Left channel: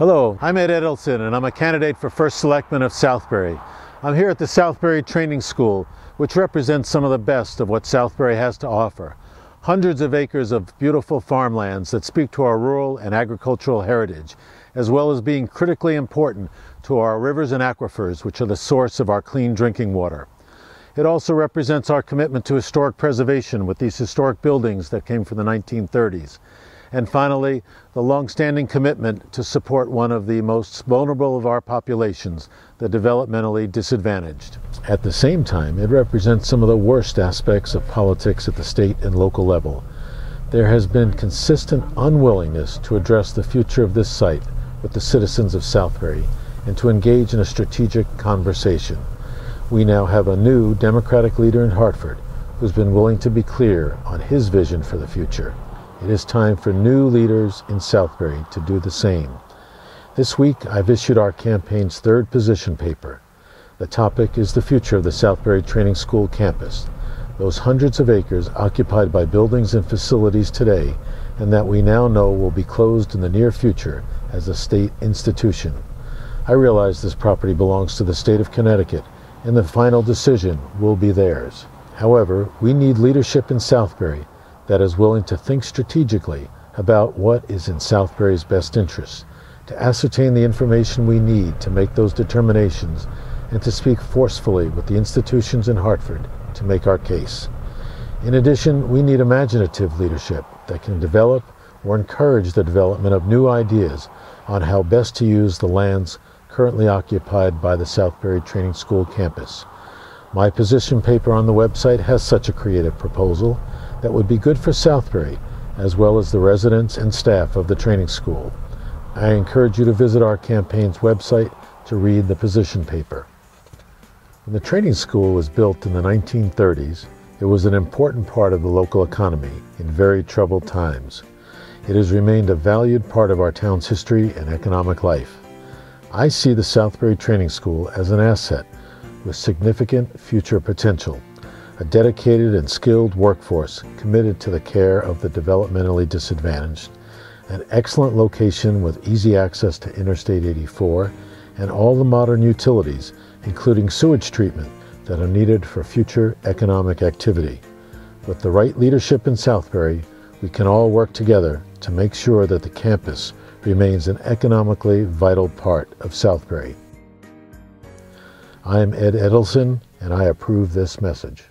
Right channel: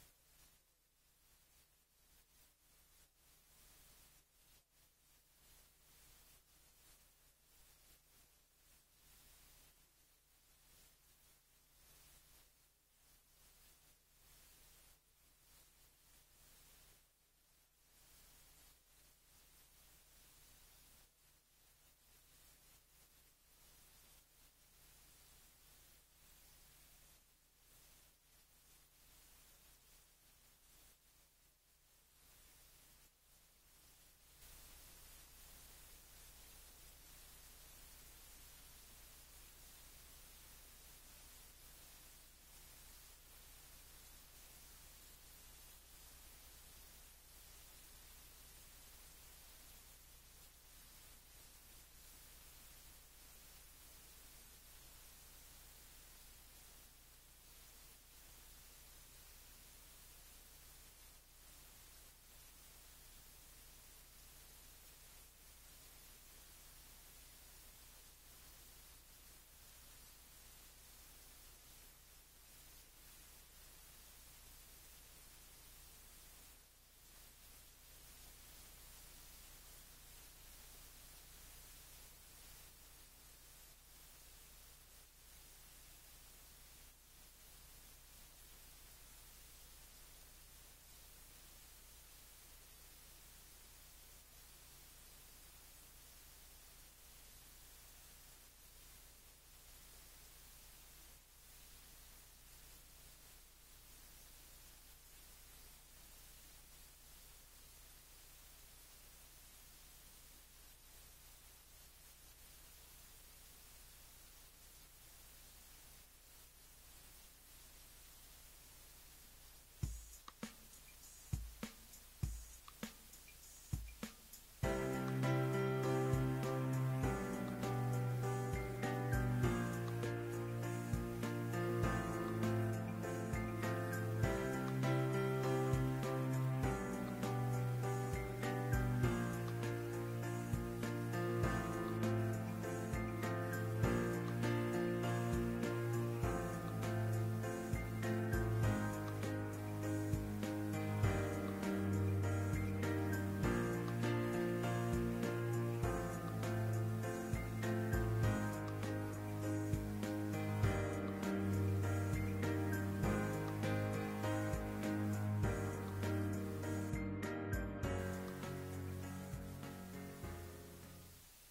Hello, I'm Ed Edelson and I'm a candidate for First Selectman of Southbury. I'm here at the Southbury Training School, which represents some of the best of what Southbury has to offer. Hundreds of acres of beautiful farmlands that speak to our rural and agricultural heritage, as well as being critically important to our rivers and aquifers, which are the source of our clean drinking water. It also represents our commitment to historic preservation with these historic buildings that came from the 1930s. And finally, the long-standing commitment to support one of the most vulnerable of our populations, the developmentally disadvantaged. At the same time, it represents some of the worst aspects of politics at the state and local level. There has been consistent unwillingness to address the future of this site with the citizens of Southbury and to engage in a strategic conversation. We now have a new Democratic leader in Hartford who's been willing to be clear on his vision for the future. It is time for new leaders in Southbury to do the same. This week, I've issued our campaign's third position paper. The topic is the future of the Southbury Training School campus, those hundreds of acres occupied by buildings and facilities today, and that we now know will be closed in the near future as a state institution. I realize this property belongs to the state of Connecticut, and the final decision will be theirs. However, we need leadership in Southbury that is willing to think strategically about what is in Southbury's best interests, to ascertain the information we need to make those determinations, and to speak forcefully with the institutions in Hartford to make our case. In addition, we need imaginative leadership that can develop or encourage the development of new ideas on how best to use the lands currently occupied by the Southbury Training School campus. My position paper on the website has such a creative proposal that would be good for Southbury, as well as the residents and staff of the training school. I encourage you to visit our campaign's website to read the position paper. When the training school was built in the 1930s, it was an important part of the local economy in very troubled times. It has remained a valued part of our town's history and economic life. I see the Southbury Training School as an asset with significant future potential. A dedicated and skilled workforce committed to the care of the developmentally disadvantaged, an excellent location with easy access to Interstate 84, and all the modern utilities, including sewage treatment, that are needed for future economic activity. With the right leadership in Southbury, we can all work together to make sure that the campus remains an economically vital part of Southbury. I am Ed Edelson, and I approve this message.